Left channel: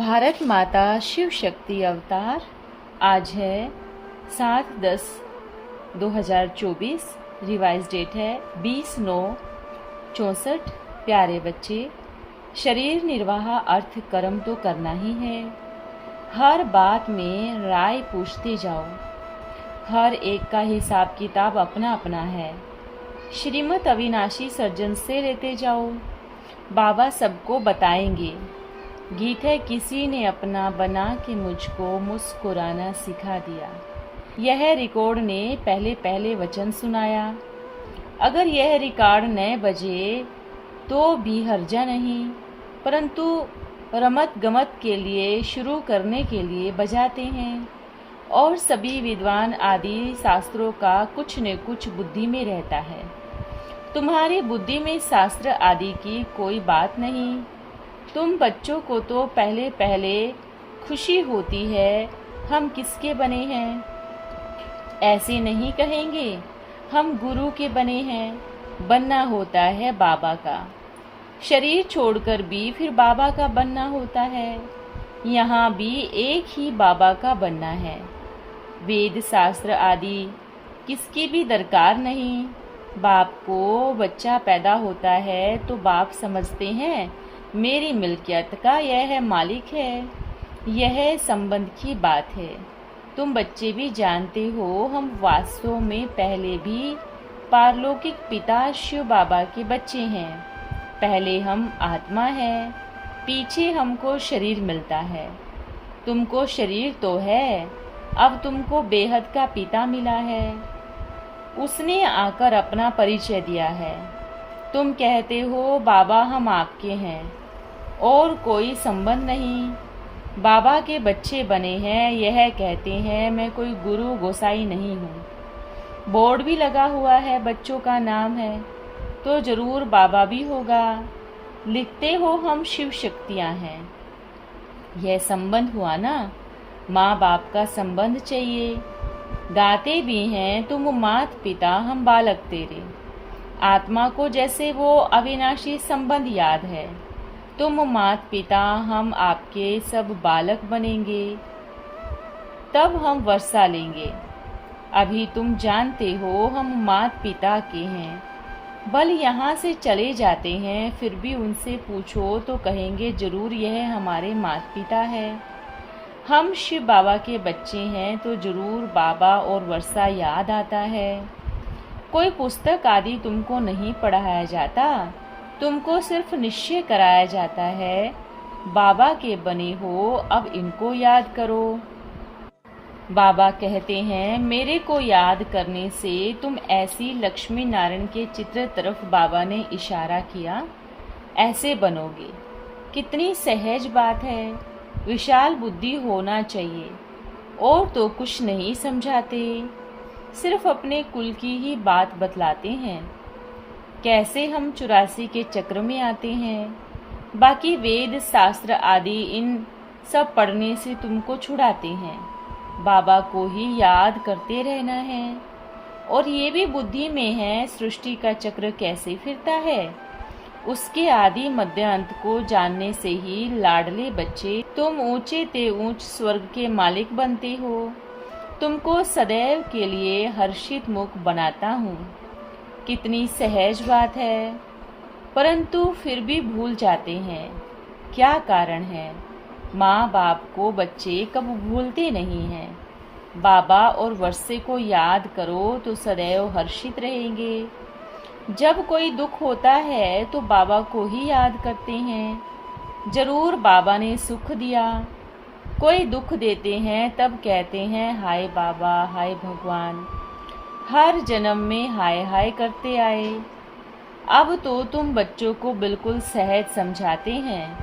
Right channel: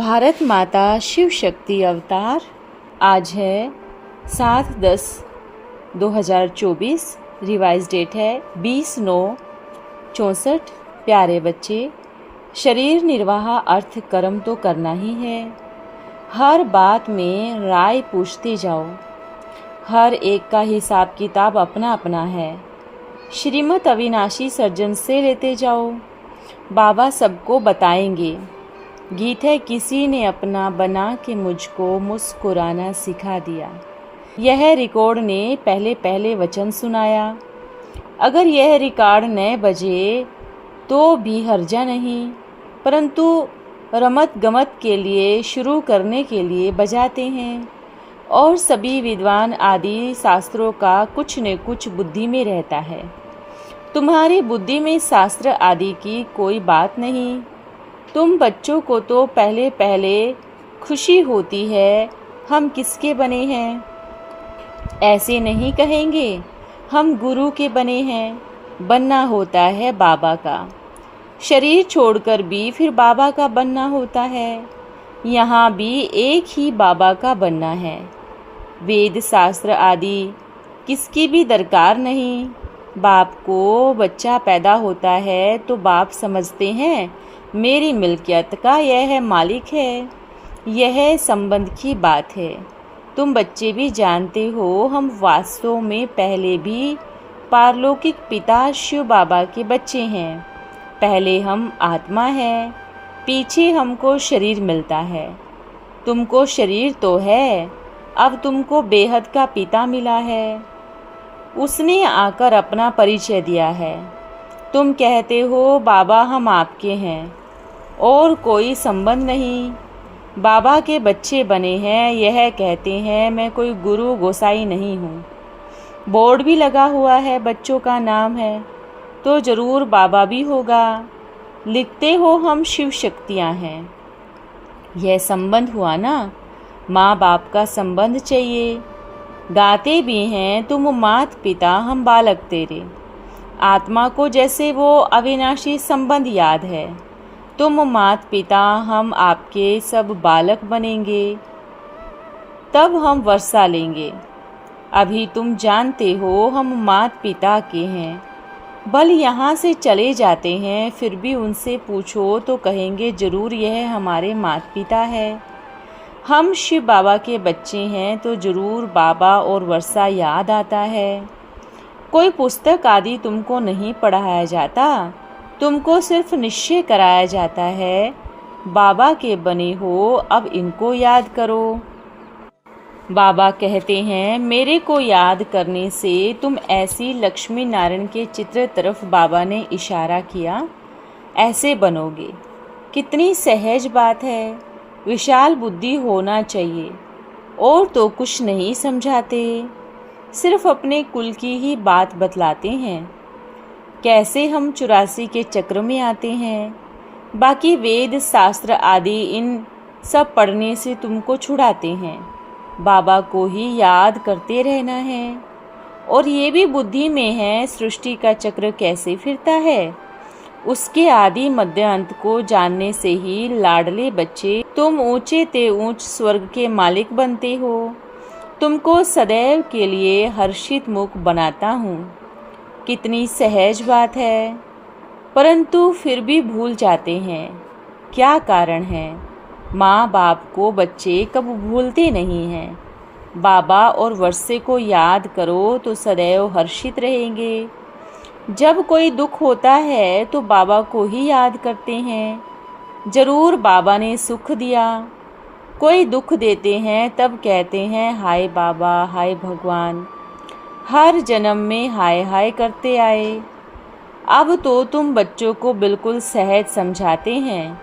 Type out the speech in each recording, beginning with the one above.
भारत माता शिव शक्ति अवतार। आज है 7/10/2024। रिवाइज डेट है 20/9/64। प्यारे बच्चे, शरीर निर्वाह अर्थ कर्म तो करना ही है। हर बात में राय पूछते जाओ। हर एक का हिसाब किताब अपना अपना है। श्रीमत अविनाशी सर्जन से लेते जाओ। बाबा सबको बताएंगे। गीत है, किसी ने अपना बना के मुझको मुस्कुराना सिखा दिया। यह रिकॉर्ड ने पहले पहले वचन सुनाया। अगर यह रिकॉर्ड न बजे तो भी हर्जा नहीं, परंतु रमत गमत के लिए, शुरू करने के लिए बजाते हैं। और सभी विद्वान आदि शास्त्रों का कुछ न कुछ बुद्धि में रहता है। तुम्हारी बुद्धि में शास्त्र आदि की कोई बात नहीं। तुम बच्चों को तो पहले पहले खुशी होती है, हम किसके बने हैं। ऐसे नहीं कहेंगे, हम गुरु के बने हैं। बनना होता है बाबा का। शरीर छोड़कर भी फिर बाबा का बनना होता है। यहाँ भी एक ही बाबा का बनना है। वेद शास्त्र आदि किसकी भी दरकार नहीं। बाप को बच्चा पैदा होता है तो बाप समझते हैं मेरी मिल्कियत का यह मालिक है। यह संबंध की बात है। तुम बच्चे भी जानते हो, हम वास्तव में पहले भी पारलौकिक पिता शिव बाबा के बच्चे हैं। पहले हम आत्मा हैं, पीछे हमको शरीर मिलता है। तुमको शरीर तो है, अब तुमको बेहद का पिता मिला है। उसने आकर अपना परिचय दिया है। तुम कहते हो बाबा हम आपके हैं और कोई संबंध नहीं। बाबा के बच्चे बने हैं, यह कहते हैं मैं कोई गुरु गोसाई नहीं हूँ। बोर्ड भी लगा हुआ है, बच्चों का नाम है, तो ज़रूर बाबा भी होगा। लिखते हो हम शिव शक्तियाँ हैं। यह संबंध हुआ ना, माँ बाप का संबंध चाहिए। गाते भी हैं, तुम मात पिता हम बालक तेरे। आत्मा को जैसे वो अविनाशी संबंध याद है। तुम मात पिता, हम आपके सब बालक बनेंगे, तब हम वर्षा लेंगे। अभी तुम जानते हो हम मात पिता के हैं। बल यहाँ से चले जाते हैं, फिर भी उनसे पूछो तो कहेंगे जरूर यह हमारे मात पिता है। हम शिव बाबा के बच्चे हैं तो जरूर बाबा और वर्षा याद आता है। कोई पुस्तक आदि तुमको नहीं पढ़ाया जाता, तुमको सिर्फ निश्चय कराया जाता है बाबा के बने हो, अब इनको याद करो। बाबा कहते हैं मेरे को याद करने से तुम ऐसी लक्ष्मी नारायण के चित्र तरफ बाबा ने इशारा किया, ऐसे बनोगे। कितनी सहज बात है। विशाल बुद्धि होना चाहिए। और तो कुछ नहीं समझाते, सिर्फ अपने कुल की ही बात बतलाते हैं। कैसे हम 84 के चक्र में आते हैं। बाकी वेद शास्त्र आदि इन सब पढ़ने से तुमको छुड़ाते हैं। बाबा को ही याद करते रहना है। और ये भी बुद्धि में है, सृष्टि का चक्र कैसे फिरता है। उसके आदि मध्य अंत को जानने से ही लाडले बच्चे तुम ऊंचे ते ऊंच स्वर्ग के मालिक बनते हो। तुमको सदैव के लिए हर्षित मुख बनाता हूँ। कितनी सहज बात है, परंतु फिर भी भूल जाते हैं। क्या कारण है। माँ बाप को बच्चे कब भूलते नहीं हैं। बाबा और वर्षे को याद करो तो सदैव हर्षित रहेंगे। जब कोई दुख होता है तो बाबा को ही याद करते हैं। जरूर बाबा ने सुख दिया। कोई दुख देते हैं तब कहते हैं हाय बाबा, हाय भगवान। हर जन्म में हाय हाय करते आए। अब तो तुम बच्चों को बिल्कुल सहज समझाते हैं।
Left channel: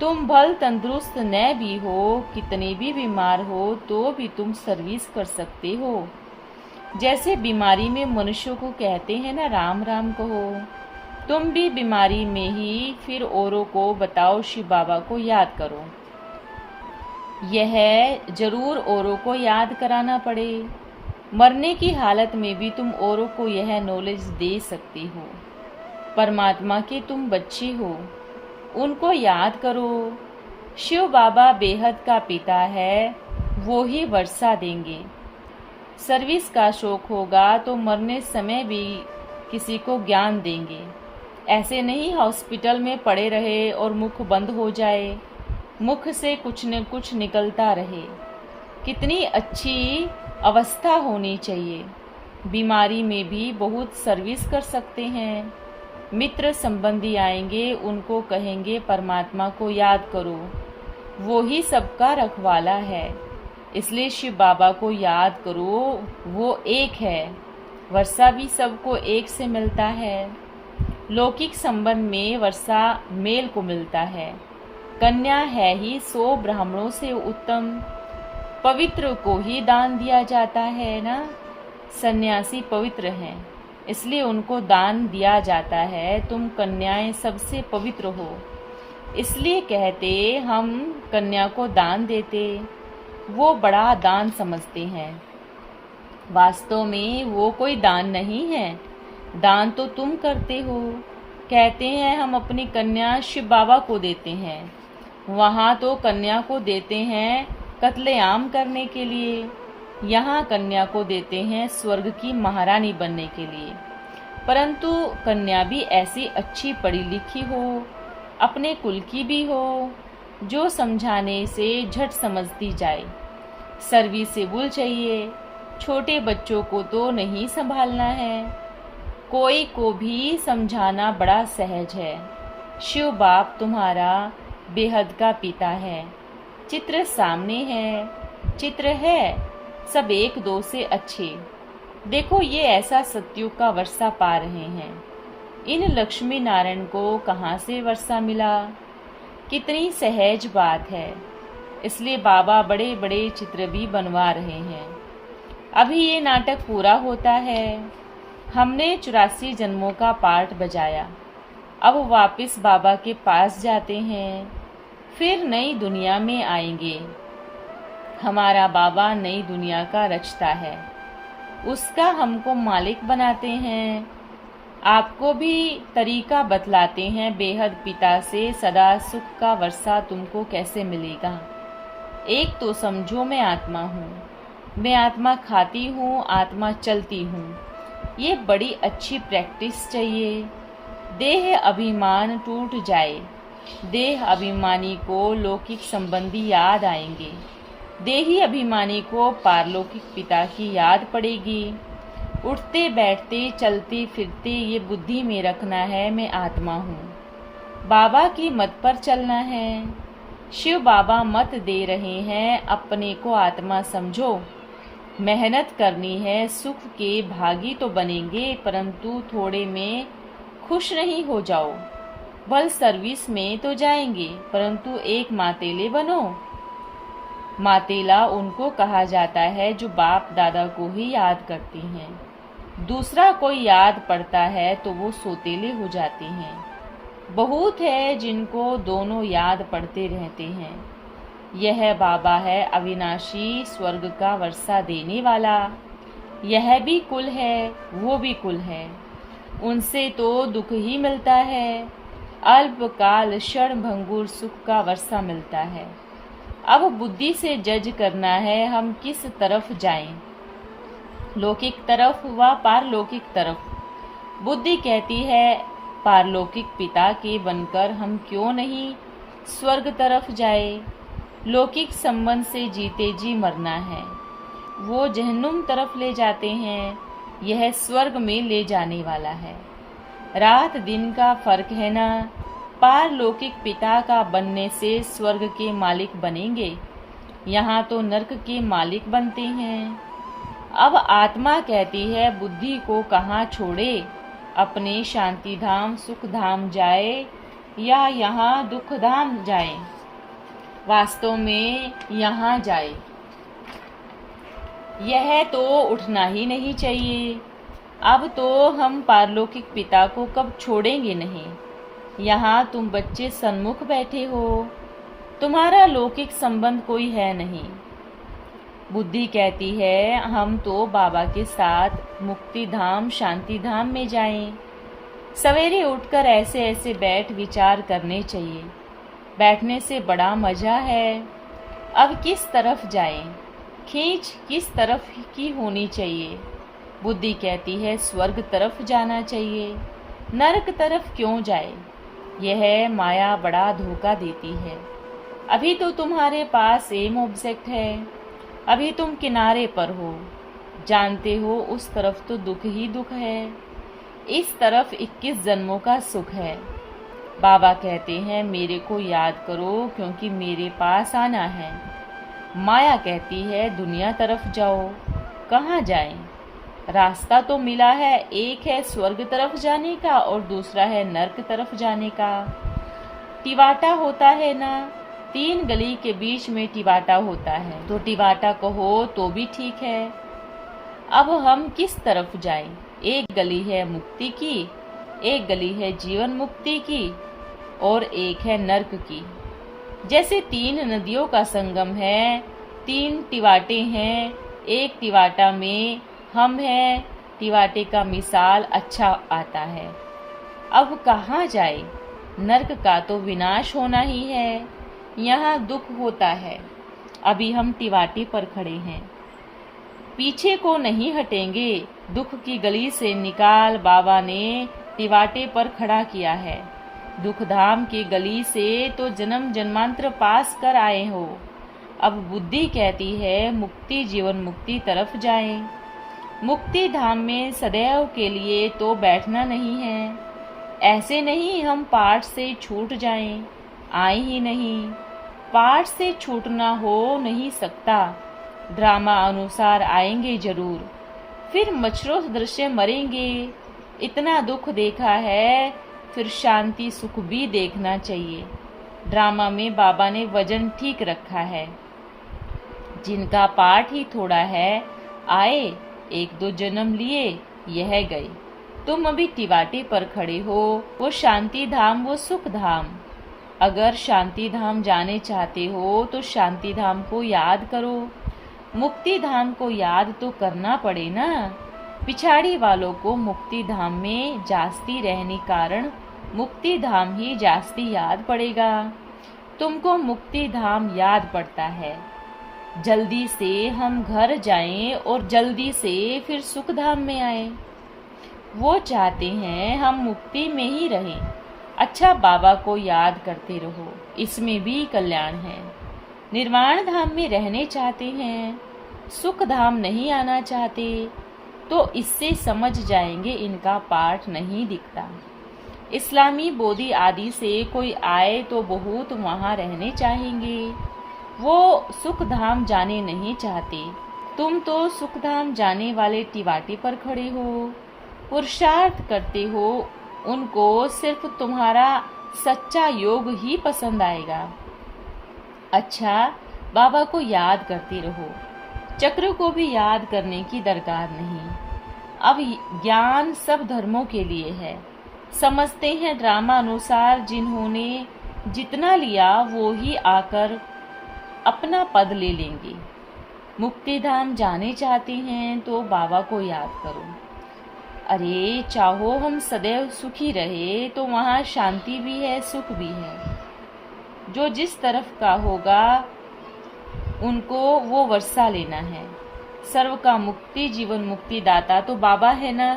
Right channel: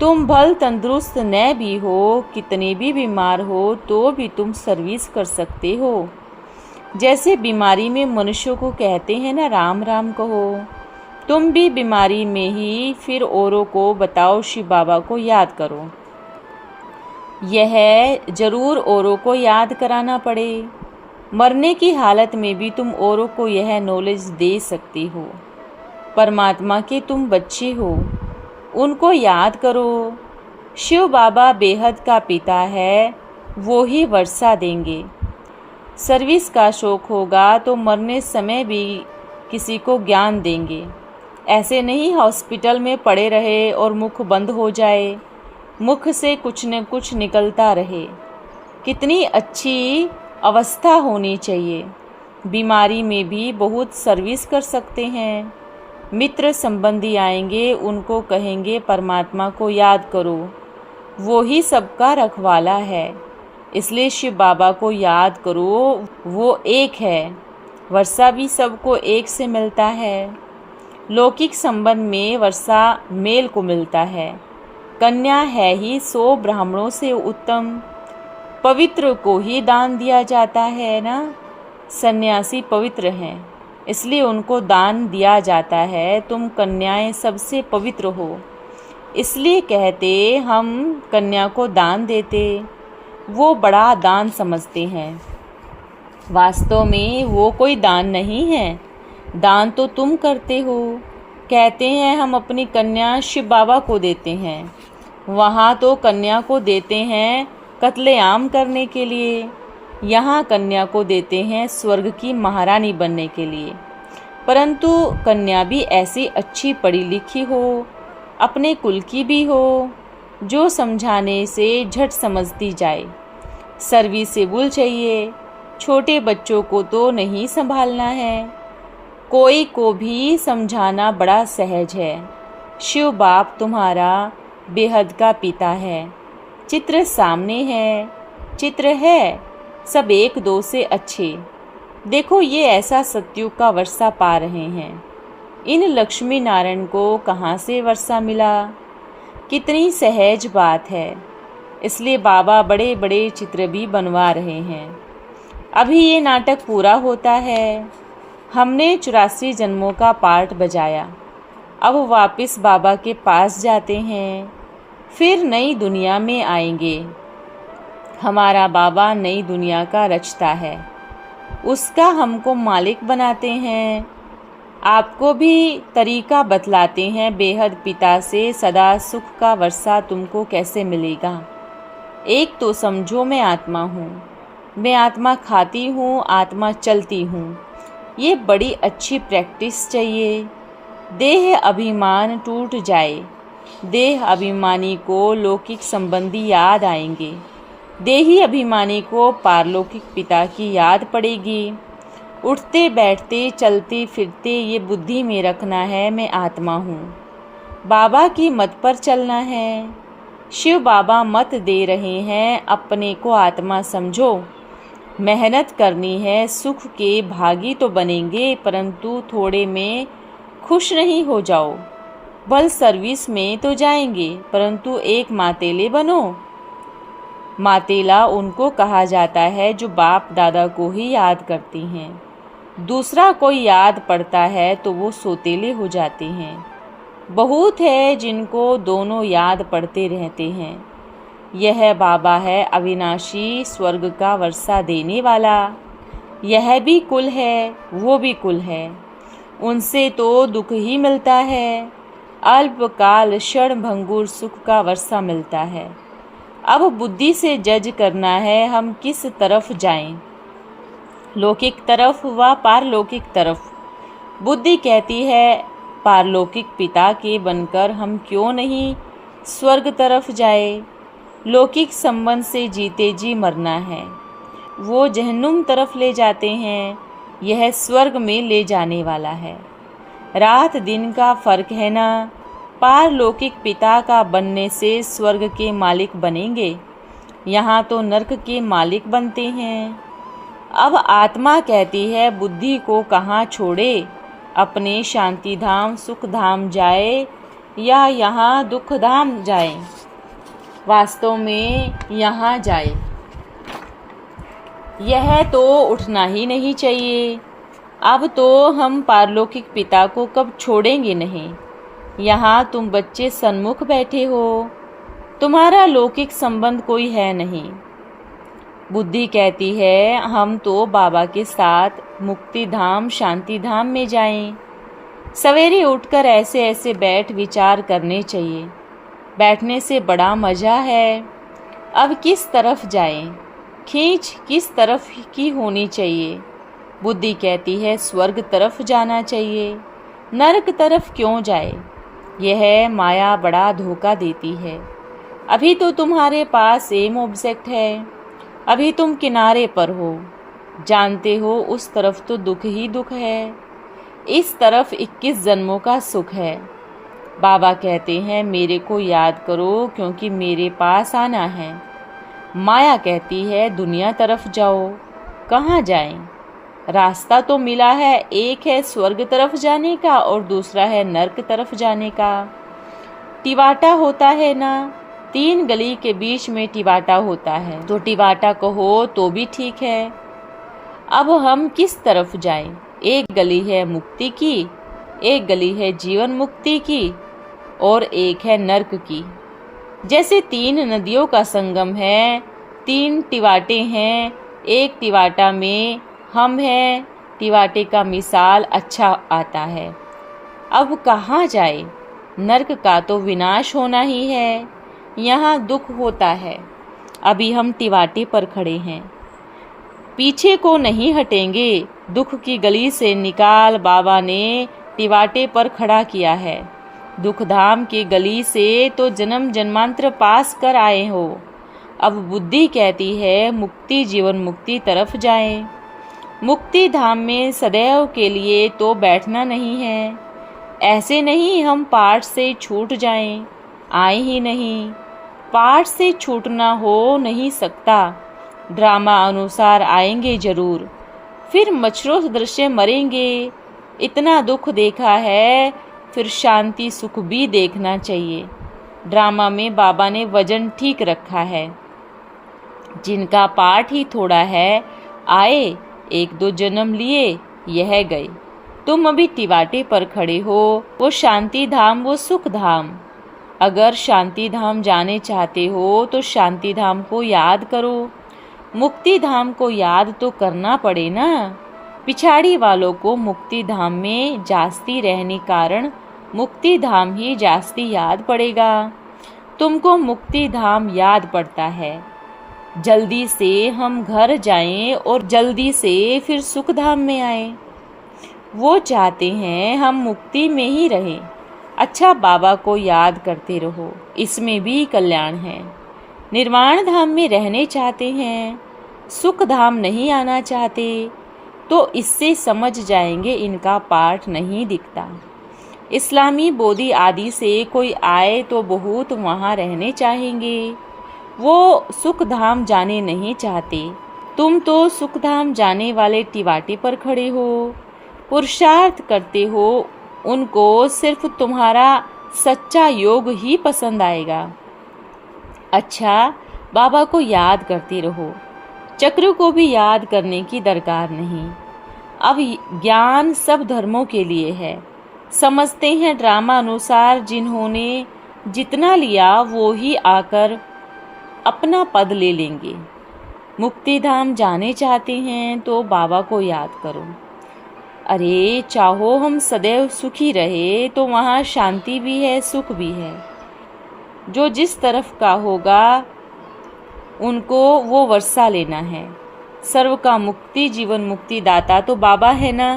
तुम भल तंदुरुस्त न भी हो, कितने भी बीमार हो तो भी तुम सर्विस कर सकते हो। जैसे बीमारी में मनुष्यों को कहते हैं ना राम राम कहो, तुम भी बीमारी में ही फिर औरों को बताओ शिव बाबा को याद करो। यह जरूर औरों को याद कराना पड़े। मरने की हालत में भी तुम औरों को यह नॉलेज दे सकती हो। परमात्मा के तुम बच्चे हो, उनको याद करो। शिव बाबा बेहद का पिता है, वो ही वर्षा देंगे। सर्विस का शौक होगा तो मरने समय भी किसी को ज्ञान देंगे। ऐसे नहीं हॉस्पिटल में पड़े रहे और मुख बंद हो जाए, मुख से कुछ न कुछ निकलता रहे। कितनी अच्छी अवस्था होनी चाहिए। बीमारी में भी बहुत सर्विस कर सकते हैं। मित्र संबंधी आएंगे, उनको कहेंगे परमात्मा को याद करो, वो ही सबका रखवाला है। इसलिए शिव बाबा को याद करो, वो एक है। वर्षा भी सबको एक से मिलता है। लौकिक संबंध में वर्षा मेल को मिलता है। कन्या है ही 100 ब्राह्मणों से उत्तम। पवित्र को ही दान दिया जाता है ना। सन्यासी पवित्र हैं, इसलिए उनको दान दिया जाता है। तुम कन्याएं सबसे पवित्र हो, इसलिए कहते हम कन्या को दान देते। वो बड़ा दान समझते हैं। वास्तव में वो कोई दान नहीं है, दान तो तुम करते हो। कहते हैं हम अपनी कन्या शिव बाबा को देते हैं। वहाँ तो कन्या को देते हैं कत्लेआम करने के लिए, यहाँ कन्या को देते हैं स्वर्ग की महारानी बनने के लिए। परंतु कन्या भी ऐसी अच्छी पढ़ी लिखी हो, अपने कुल की भी हो, जो समझाने से झट समझती जाए। सर्विसेबल चाहिए। छोटे बच्चों को तो नहीं संभालना है, कोई को भी समझाना बड़ा सहज है। शिव बाप तुम्हारा बेहद का पिता है। चित्र सामने है, चित्र है सब एक दो से अच्छे। देखो ये ऐसा सत्युग का वर्षा पा रहे हैं। इन लक्ष्मी नारायण को कहाँ से वर्षा मिला? कितनी सहज बात है। इसलिए बाबा बड़े बड़े चित्र भी बनवा रहे हैं। अभी ये नाटक पूरा होता है। हमने 84 जन्मों का पार्ट बजाया। अब वापस बाबा के पास जाते हैं, फिर नई दुनिया में आएंगे। हमारा बाबा नई दुनिया का रचता है, उसका हमको मालिक बनाते हैं। आपको भी तरीका बतलाते हैं बेहद पिता से सदा सुख का वर्षा तुमको कैसे मिलेगा। एक तो समझो मैं आत्मा हूँ, मैं आत्मा खाती हूँ, आत्मा चलती हूँ। ये बड़ी अच्छी प्रैक्टिस चाहिए। देह अभिमान टूट जाए, देह अभिमानी को लौकिक संबंधी याद आएंगे, देही अभिमानी को पारलौकिक पिता की याद पड़ेगी। उठते बैठते चलते फिरते ये बुद्धि में रखना है मैं आत्मा हूँ। बाबा की मत पर चलना है। शिव बाबा मत दे रहे हैं अपने को आत्मा समझो। मेहनत करनी है, सुख के भागी तो बनेंगे, परंतु थोड़े में खुश नहीं हो जाओ। बल सर्विस में तो जाएंगे, परंतु एक मातेले बनो। मातेला उनको कहा जाता है जो बाप दादा को ही याद करती हैं। दूसरा कोई याद पड़ता है तो वो सोतेले हो जाते हैं। बहुत है जिनको दोनों याद पड़ते रहते हैं। यह बाबा है अविनाशी, स्वर्ग का वर्षा देने वाला। यह भी कुल है, वो भी कुल है। उनसे तो दुख ही मिलता है। अल्पकाल क्षण भंगुर सुख का वर्षा मिलता है। अब बुद्धि से जज करना है हम किस तरफ जाएं, लौकिक तरफ व पारलौकिक तरफ। बुद्धि कहती है पारलौकिक पिता के बनकर हम क्यों नहीं स्वर्ग तरफ जाए। लौकिक संबंध से जीते जी मरना है, वो जहन्नुम तरफ ले जाते हैं, यह स्वर्ग में ले जाने वाला है। रात दिन का फर्क है ना। पारलौकिक पिता का बनने से स्वर्ग के मालिक बनेंगे, यहाँ तो नरक के मालिक बनते हैं। अब आत्मा कहती है बुद्धि को कहाँ छोड़े, अपने शांति धाम सुख धाम जाए या यहाँ दुख धाम जाए। वास्तव में यहाँ जाए। यह तो उठना ही नहीं चाहिए। अब तो हम पारलौकिक पिता को कब छोड़ेंगे नहीं। यहाँ तुम बच्चे सन्मुख बैठे हो, तुम्हारा लौकिक संबंध कोई है नहीं। बुद्धि कहती है हम तो बाबा के साथ मुक्ति धाम शांति धाम में जाएं। सवेरे उठकर ऐसे ऐसे बैठ विचार करने चाहिए। बैठने से बड़ा मज़ा है। अब किस तरफ जाएं? खींच किस तरफ की होनी चाहिए? बुद्धि कहती है स्वर्ग तरफ जाना चाहिए। नरक तरफ क्यों जाए? यह माया बड़ा धोखा देती है। अभी तो तुम्हारे पास एम ऑब्जेक्ट है। अभी तुम किनारे पर हो। जानते हो उस तरफ तो दुख ही दुख है। इस तरफ 21 जन्मों का सुख है। बाबा कहते हैं मेरे को याद करो क्योंकि मेरे पास आना है। माया कहती है दुनिया तरफ जाओ। कहाँ जाएं? रास्ता तो मिला है, एक है स्वर्ग तरफ जाने का और दूसरा है नरक तरफ जाने का। टिवाटा होता है ना, 3 गली के बीच में टिवाटा होता है, तो टिवाटा कहो तो भी ठीक है। अब हम किस तरफ जाएं? एक गली है मुक्ति की, एक गली है जीवन मुक्ति की और एक है नरक की। जैसे 3 नदियों का संगम है, 3 टिवाटे हैं, एक टिवाटा में हम हैं। टिवाटे का मिसाल अच्छा आता है। अब कहाँ जाए? नरक का तो विनाश होना ही है। यहाँ दुख होता है। अभी हम टिवाटे पर खड़े हैं, पीछे को नहीं हटेंगे। दुख की गली से निकाल बाबा ने टिवाटे पर खड़ा किया है। दुख धाम की गली से तो जन्म जन्मांतर पास कर आए हो। अब बुद्धि कहती है मुक्ति जीवन मुक्ति तरफ जाएं। मुक्ति धाम में सदैव के लिए तो बैठना नहीं है। ऐसे नहीं हम पाठ से छूट जाएं, आए ही नहीं। पाठ से छूटना हो नहीं सकता। ड्रामा अनुसार आएंगे जरूर, फिर मच्छरों दृश्य मरेंगे। इतना दुख देखा है, फिर शांति सुख भी देखना चाहिए। ड्रामा में बाबा ने वजन ठीक रखा है। जिनका पाठ ही थोड़ा है, आए 1-2 जन्म लिए, यह गए। तुम अभी टिवाटे पर खड़े हो, वो शांति धाम वो सुख धाम। अगर शांति धाम जाने चाहते हो तो शांति धाम को याद करो। मुक्ति धाम को याद तो करना पड़े ना। पिछाड़ी वालों को मुक्ति धाम में जास्ती रहने कारण मुक्ति धाम ही जास्ती याद पड़ेगा। तुमको मुक्ति धाम याद पड़ता है। जल्दी से हम घर जाएं और जल्दी से फिर सुख धाम में आए। वो चाहते हैं हम मुक्ति में ही रहें। अच्छा, बाबा को याद करते रहो, इसमें भी कल्याण है। निर्वाण धाम में रहने चाहते हैं, सुख धाम नहीं आना चाहते, तो इससे समझ जाएंगे इनका पाठ नहीं दिखता। इस्लामी बोधी आदि से कोई आए तो बहुत वहाँ रहने चाहेंगे। वो सुख धाम जाने नहीं चाहते। तुम तो सुख धाम जाने वाले टिवाटे पर खड़े हो, पुरुषार्थ करते हो। उनको सिर्फ तुम्हारा सच्चा योग ही पसंद आएगा। अच्छा, बाबा को याद करते रहो। चक्र को भी याद करने की दरकार नहीं। अब ज्ञान सब धर्मों के लिए है। समझते हैं ड्रामा अनुसार जिन्होंने जितना लिया वो ही आकर अपना पद ले लेंगे। मुक्ति धाम जाने चाहते हैं तो बाबा को याद करो। अरे चाहो हम सदैव सुखी रहे तो वहाँ शांति भी है सुख भी है। जो जिस तरफ का होगा उनको वो वर्षा लेना है। सर्व का मुक्ति जीवन मुक्ति दाता तो बाबा है ना।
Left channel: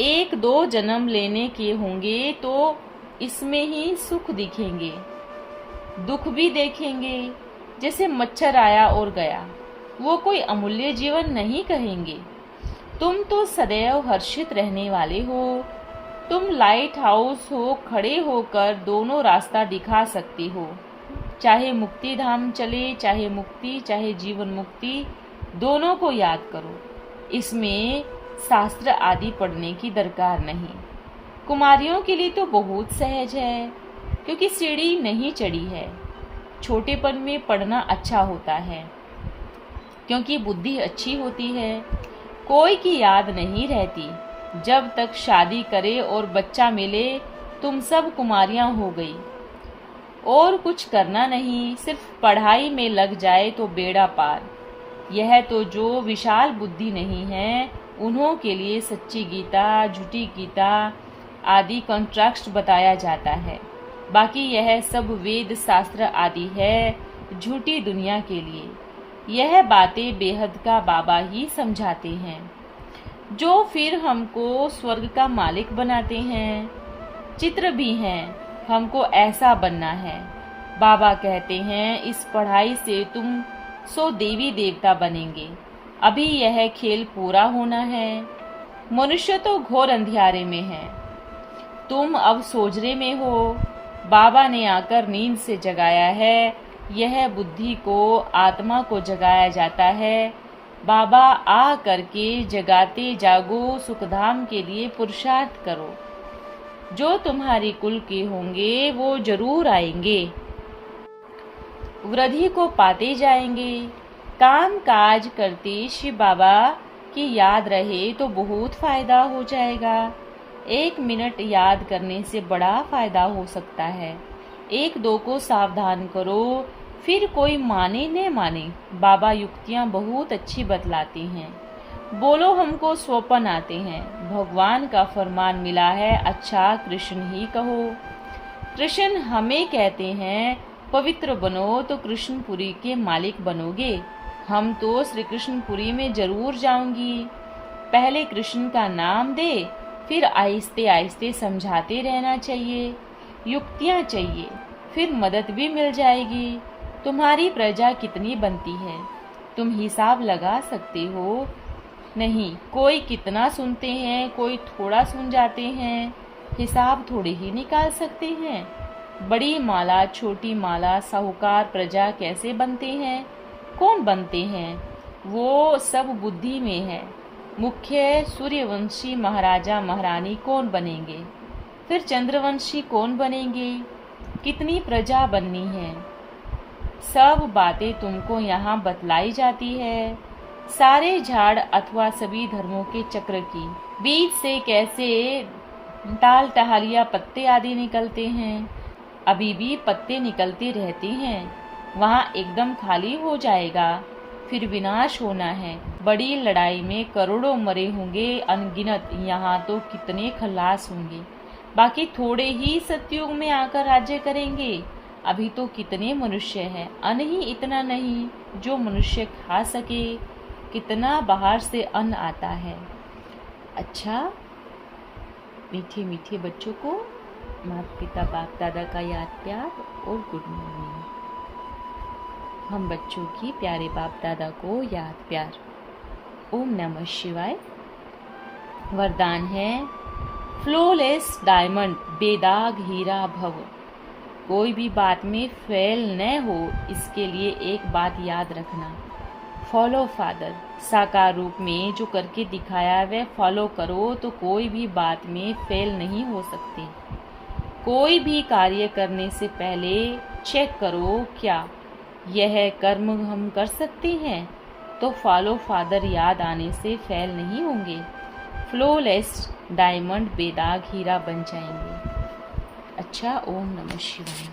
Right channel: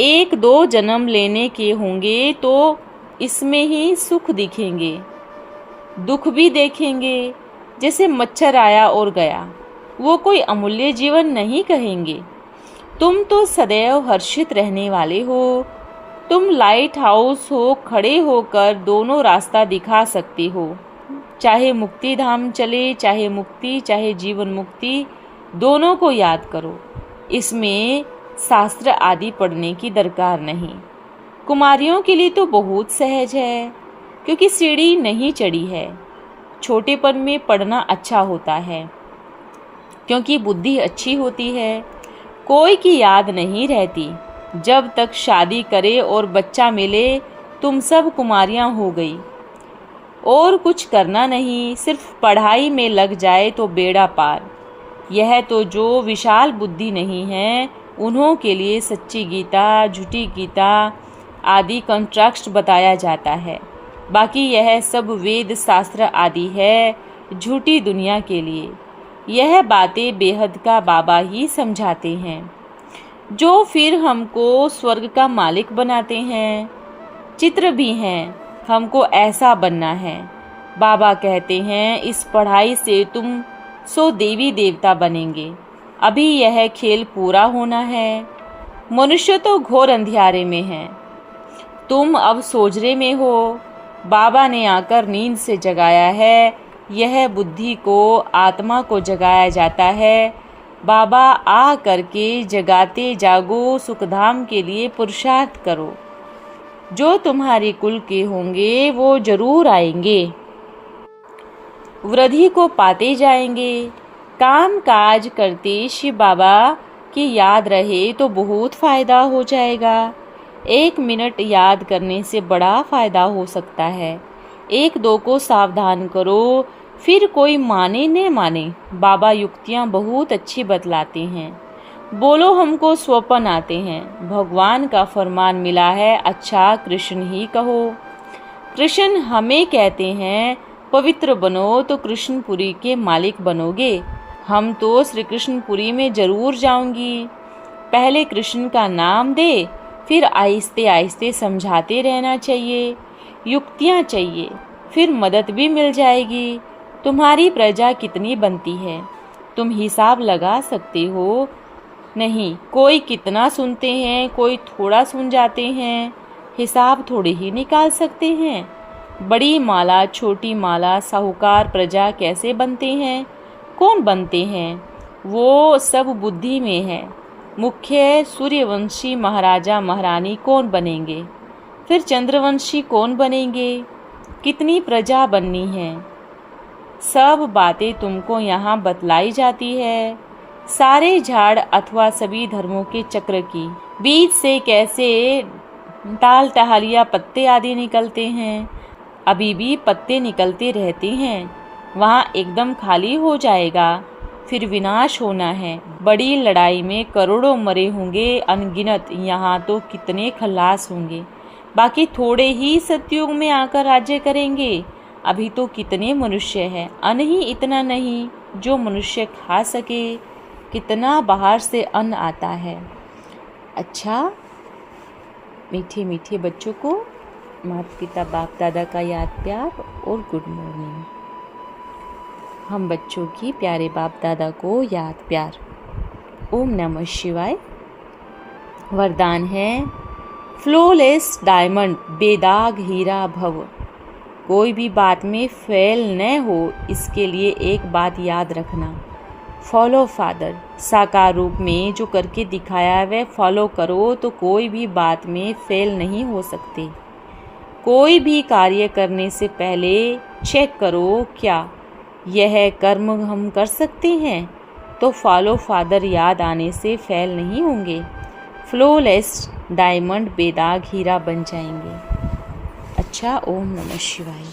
1-2 जन्म लेने के होंगे तो इसमें ही सुख दिखेंगे, दुख भी देखेंगे। जैसे मच्छर आया और गया, वो कोई अमूल्य जीवन नहीं कहेंगे। तुम तो सदैव हर्षित रहने वाले हो। तुम लाइट हाउस हो, खड़े होकर दोनों रास्ता दिखा सकते हो। चाहे मुक्ति धाम चले, चाहे मुक्ति, चाहे जीवन मुक्ति, दोनों को याद करो। इसमें शास्त्र आदि पढ़ने की दरकार नहीं। कुमारियों के लिए तो बहुत सहज है, क्योंकि सीढ़ी नहीं चढ़ी है। छोटेपन में पढ़ना अच्छा होता है, क्योंकि बुद्धि अच्छी होती है। कोई की याद नहीं रहती। जब तक शादी करे और बच्चा मिले, तुम सब कुमारियां हो गई। और कुछ करना नहीं, सिर्फ पढ़ाई में लग जाए तो बेड़ा पार। यह तो जो विशाल बुद्धि नहीं है उन्हों के लिए सच्ची गीता, झूठी गीता आदि कॉन्ट्रैक्ट बताया जाता है। बाकी यह सब वेद शास्त्र आदि है झूठी दुनिया के लिए। यह बातें बेहद का बाबा ही समझाते हैं, जो फिर हमको स्वर्ग का मालिक बनाते हैं। चित्र भी हैं, हमको ऐसा बनना है। बाबा कहते हैं इस पढ़ाई से तुम 100 देवी देवता बनेंगे। अभी यह खेल पूरा होना है। मनुष्य तो घोर अंधियारे में है, तुम अब सोजरे में हो। बाबा ने आकर नींद से जगाया है। यह बुद्धि को, आत्मा को जगाया जाता है। बाबा आ करके जगाते जागो, सुखधाम के लिए पुरुषार्थ करो। जो तुम्हारे कुल के होंगे वो जरूर आएंगे, वृद्धि को पाते जाएंगे। काम काज करते शिव बाबा की याद रहे तो बहुत फायदा हो जाएगा। 1 मिनट याद करने से बड़ा फायदा हो सकता है। 1-2 को सावधान करो, फिर कोई माने न माने। बाबा युक्तियाँ बहुत अच्छी बतलाते हैं। बोलो हमको स्वप्न आते हैं, भगवान का फरमान मिला है, अच्छा कृष्ण ही कहो। कृष्ण हमें कहते हैं पवित्र बनो तो कृष्णपुरी के मालिक बनोगे। हम तो श्री कृष्णपुरी में जरूर जाऊंगी। पहले कृष्ण का नाम दे, फिर आहिस्ते आहिस्ते समझाते रहना चाहिए। युक्तियाँ चाहिए, फिर मदद भी मिल जाएगी। तुम्हारी प्रजा कितनी बनती है तुम हिसाब लगा सकते हो? नहीं, कोई कितना सुनते हैं, कोई थोड़ा सुन जाते हैं, हिसाब थोड़े ही निकाल सकते हैं। बड़ी माला, छोटी माला, साहूकार प्रजा कैसे बनते हैं, कौन बनते हैं, वो सब बुद्धि में है। मुख्य सूर्यवंशी महाराजा महारानी कौन बनेंगे, फिर चंद्रवंशी कौन बनेंगे, कितनी प्रजा बननी है, सब बातें तुमको यहाँ बतलाई जाती है। सारे झाड़ अथवा सभी धर्मों के चक्र की बीज से कैसे टाल टहलिया पत्ते आदि निकलते हैं, अभी भी पत्ते निकलते रहते हैं। वहाँ एकदम खाली हो जाएगा, फिर विनाश होना है। बड़ी लड़ाई में करोड़ों मरे होंगे अनगिनत, यहाँ तो कितने खल्लास होंगे। बाकी थोड़े ही सतयुग में आकर राज्य करेंगे। अभी तो कितने मनुष्य हैं, अन्न ही इतना नहीं जो मनुष्य खा सके। कितना बाहर से अन्न आता है। अच्छा, मीठे मीठे बच्चों को माता पिता बाप दादा का याद प्यार और गुड मॉर्निंग। हम बच्चों की प्यारे बाप दादा को याद प्यार। ओम नमः शिवाय। वरदान है फ्लॉलेस डायमंड, बेदाग हीरा भव। कोई भी बात में फेल न हो, इसके लिए एक बात याद रखना, फॉलो फादर। साकार रूप में जो करके दिखाया वह फॉलो करो तो कोई भी बात में फेल नहीं हो सकते। कोई भी कार्य करने से पहले चेक करो क्या यह कर्म हम कर सकते हैं, तो फॉलो फादर याद आने से फेल नहीं होंगे। फ्लॉलेस डायमंड, बेदाग हीरा बन जाएंगे। अच्छा, ओम नमः शिवाय।